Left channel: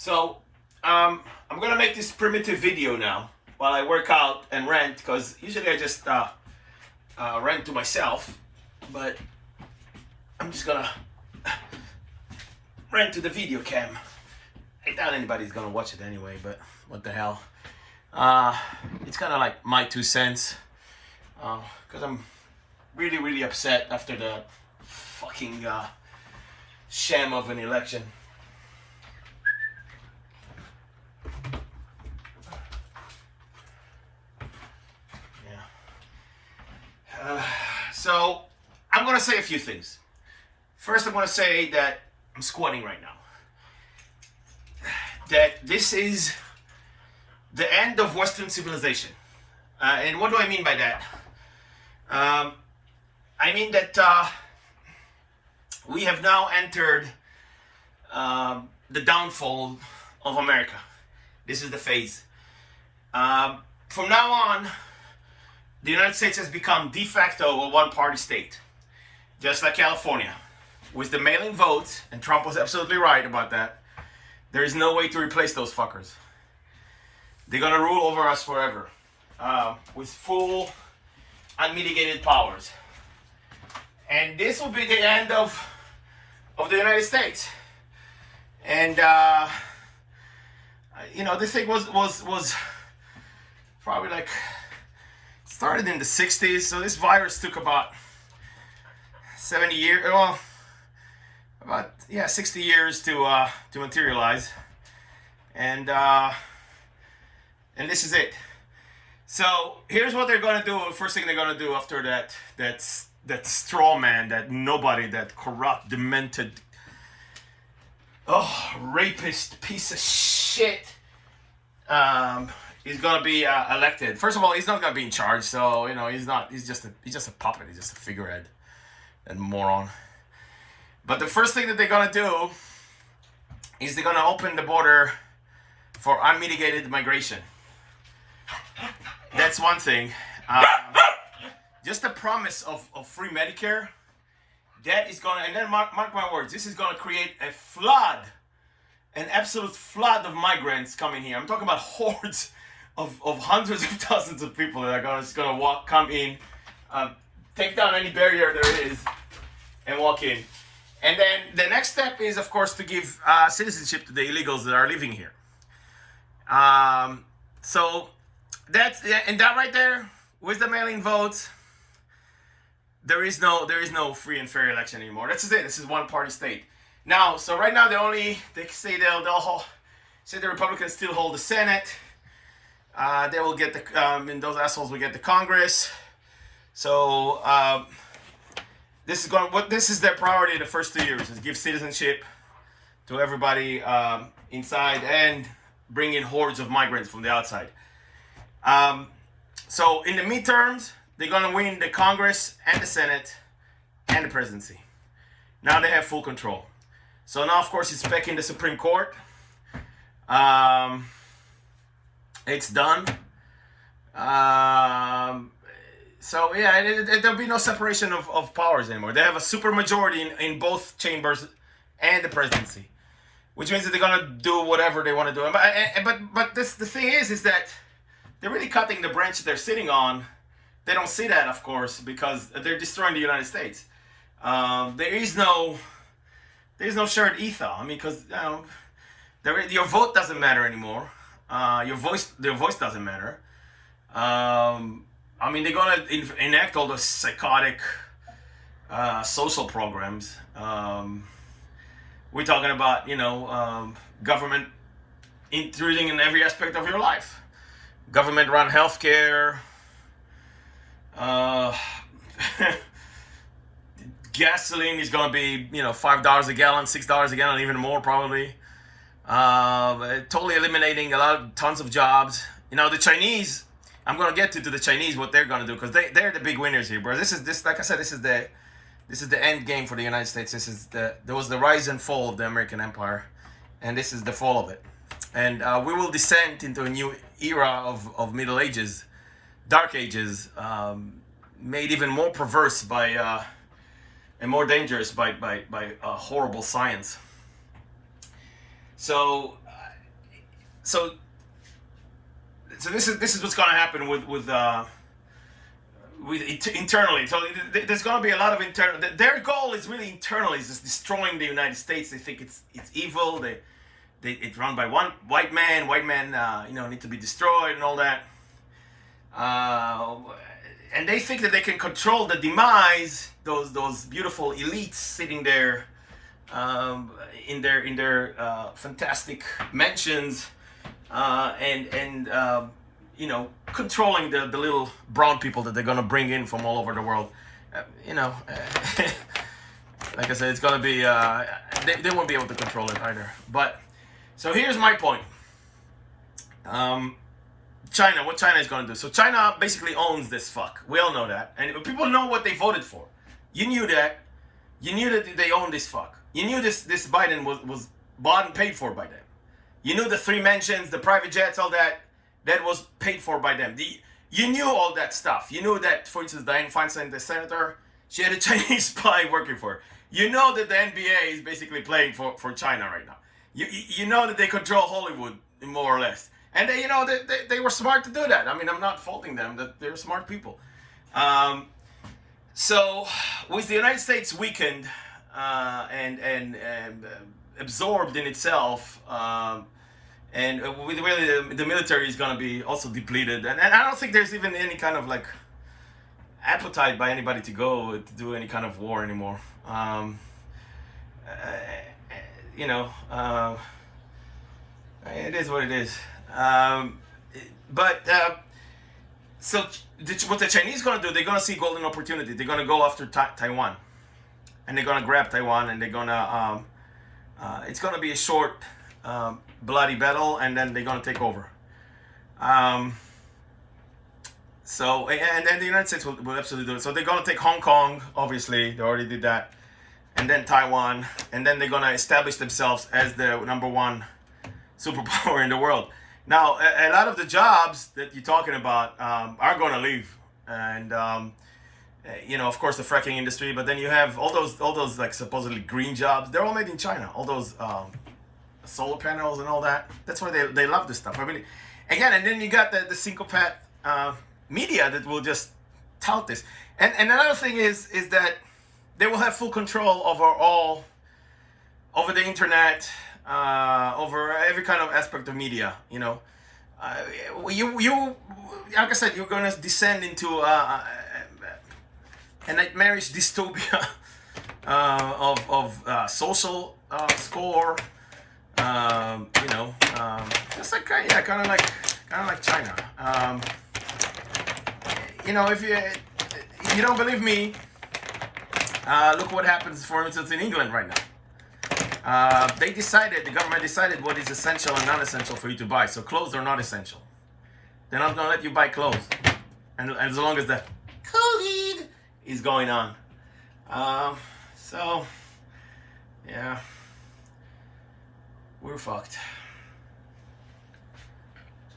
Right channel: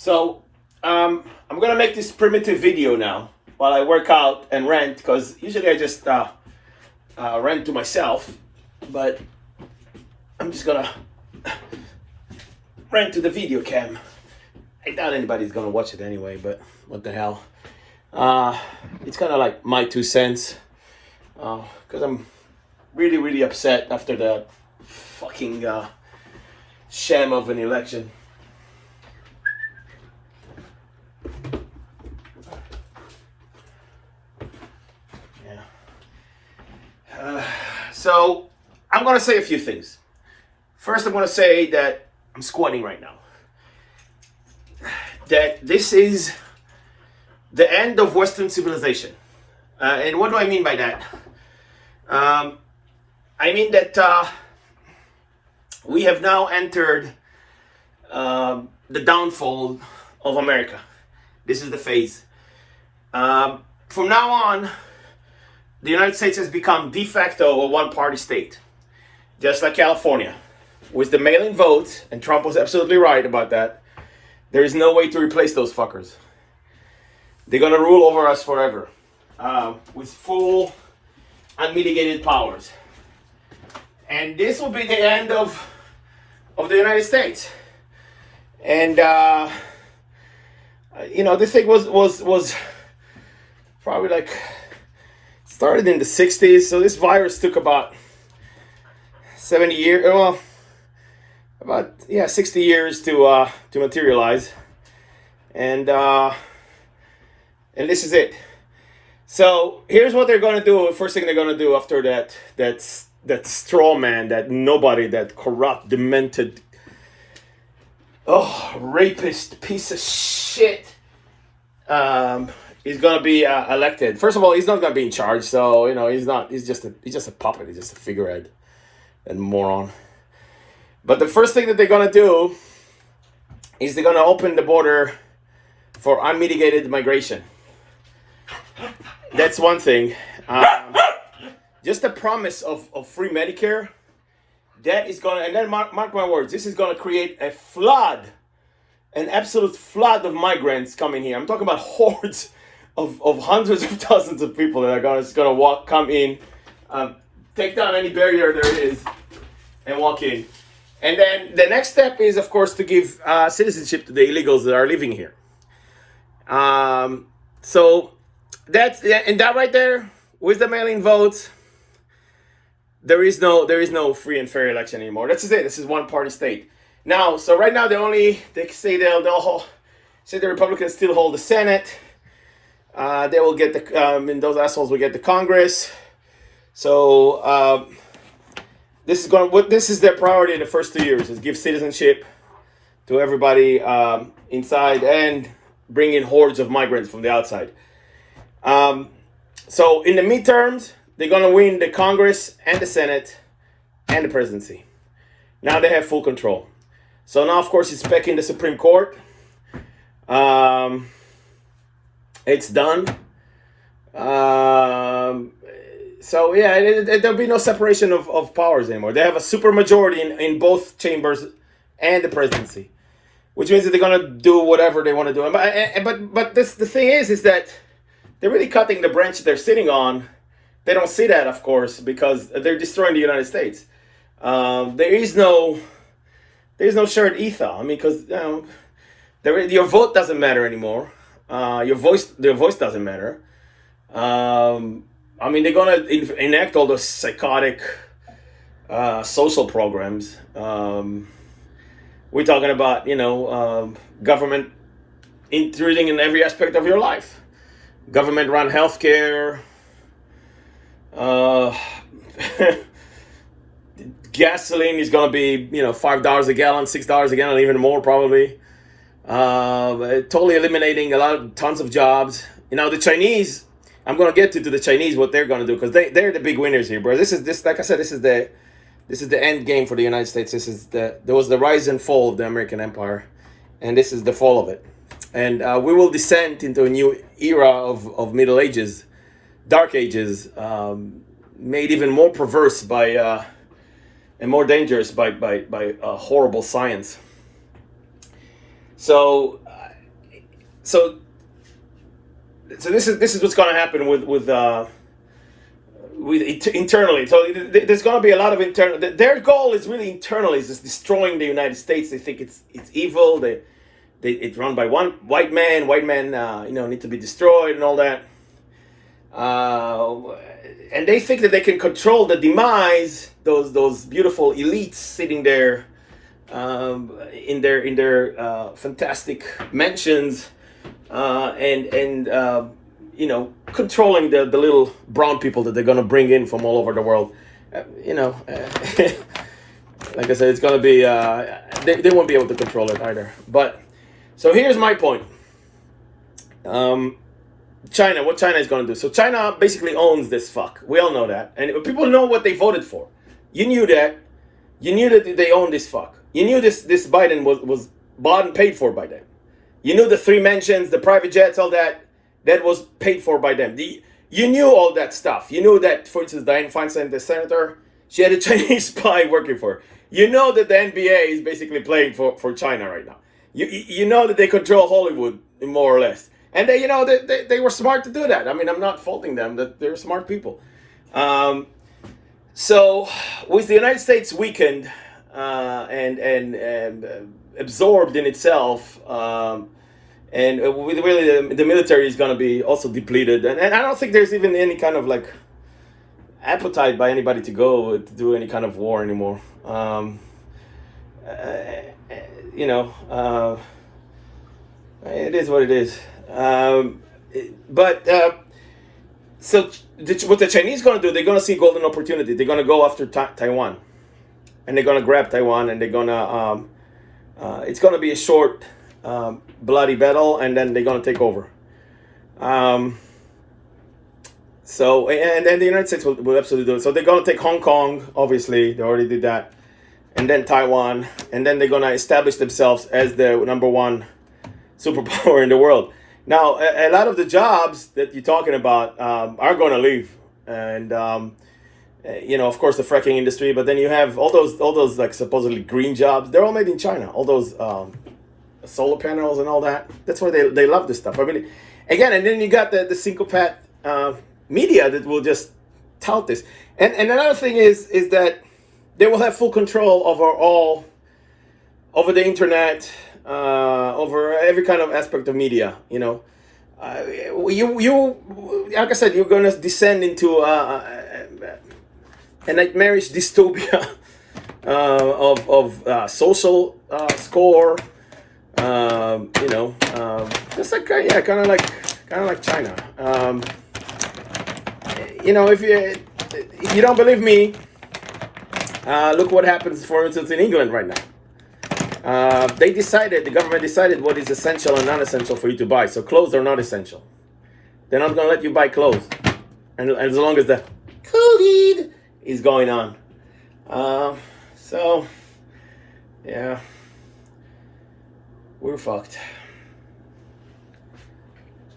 So I'm gonna make this primitive video now while I work out and rant, because usually I just rant to myself, but I'm just gonna rant to the video cam. I doubt anybody's gonna watch it anyway, but what the hell. It's kind of like my 2 cents, because I'm really upset after the fucking sham of an election. So I'm gonna say a few things. First, I'm gonna say that I'm squatting right now. That this is the end of Western civilization. And what do I mean by that? I mean that we have now entered the downfall of America. This is the phase. From now on, the United States has become de facto a one-party state, just like California. With the mail-in votes, and Trump was absolutely right about that, there is no way to replace those fuckers. They're gonna rule over us forever, with full, unmitigated powers. And this will be the end of the United States. And this thing was probably like started in the 60s. So this virus took about 70 years. Well, about 60 years to materialize. And this is it. So here's what they're gonna do. First thing they're gonna do after that straw man, that nobody, that corrupt, demented, rapist piece of shit, is gonna be elected. First of all, he's not gonna be in charge, so he's not. He's just a puppet. He's just a figurehead and moron. But the first thing that they're gonna do is they're gonna open the border for unmitigated migration. That's one thing. Just the promise of free Medicare, that is gonna, and then mark my words, this is gonna create a flood, an absolute flood of migrants coming here. I'm talking about hordes of hundreds of thousands of people that are gonna come in, take down any barrier there is, and walk in. And then the next step is, of course, to give citizenship to the illegals that are living here. So that's, and that right there, with the mail-in votes, there is no free and fair election anymore. That's just it. This is one party state. Now, so right now they say they'll say the Republicans still hold the Senate. They will get and those assholes will get the Congress. So this is their priority in the first 2 years, is give citizenship to everybody inside and bring in hordes of migrants from the outside. So in the midterms, they're gonna win the Congress and the Senate and the presidency. Now they have full control. So now, of course, it's back in the Supreme Court. It's done. So there'll be no separation of powers anymore. They have a super majority in both chambers and the presidency, which means that they're gonna do whatever they want to do. But the thing is that they're really cutting the branch that they're sitting on. They don't see that, of course, because they're destroying the United States. There is no shared ether. I mean, because your vote doesn't matter anymore. Your voice doesn't matter. I mean, they're gonna enact all those psychotic social programs. We're talking about government intruding in every aspect of your life. Government-run healthcare. Gasoline is gonna be $5 a gallon, $6 a gallon, even more probably. Totally eliminating tons of jobs. The Chinese. I'm gonna get to the Chinese, what they're gonna do, because they're the big winners here, bro. Like I said, this is the end game for the United States. There was the rise and fall of the American Empire, and this is the fall of it. And we will descend into a new era of Middle Ages, Dark Ages, made even more perverse by and more dangerous by horrible science. So so this is what's going to happen with internally. So there's going to be a lot of internal. Their goal is really internally, is just destroying the United States. They think it's evil. It's run by one white man. White men, need to be destroyed and all that. And they think that they can control the demise. Those beautiful elites sitting there in their fantastic mansions, controlling the little brown people that they're going to bring in from all over the world. Like I said, it's going to be, they won't be able to control it either. But, so here's my point. China, what China is going to do. So China basically owns this fuck. We all know that. And people know what they voted for. You knew that. You knew that they own this fuck. You knew this Biden was bought and paid for by them. You knew the 3 mansions, the private jets, all that was paid for by them. You knew all that stuff. You knew that, for instance, Dianne Feinstein, the senator, she had a Chinese spy working for her. You know that the NBA is basically playing for China right now. You know that they control Hollywood, more or less. And they were smart to do that. I mean, I'm not faulting them, that they're smart people. So with the United States weakened and absorbed in itself, and really the military is going to be also depleted, and I don't think there's even any kind of like appetite by anybody to go to do any kind of war anymore. It is what it is. So what the Chinese going to do, they're going to see golden opportunity. They're going to go after Taiwan, and they're going to grab Taiwan, and they're going to, it's going to be a short, bloody battle, and then they're going to take over. So, and then the United States will absolutely do it. So they're going to take Hong Kong, obviously, they already did that, and then Taiwan, and then they're going to establish themselves as the #1 superpower in the world. Now, a lot of the jobs that you're talking about are going to leave, and of course, the fracking industry. But then you have all those like supposedly green jobs. They're all made in China. All those solar panels and all that. That's why they love this stuff. I mean, again, and then you got the psychopath media that will just tout this. And another thing is that they will have full control over the internet. Over every kind of aspect of media, you like I said, you're gonna descend into a nightmarish dystopia of social score, just like kind of like China. If you don't believe me, look what happens, for instance, in England right now. The government decided what is essential and non-essential for you to buy. So clothes are not essential. They're not going to let you buy clothes. And as long as the COVID is going on. So, yeah, we're fucked.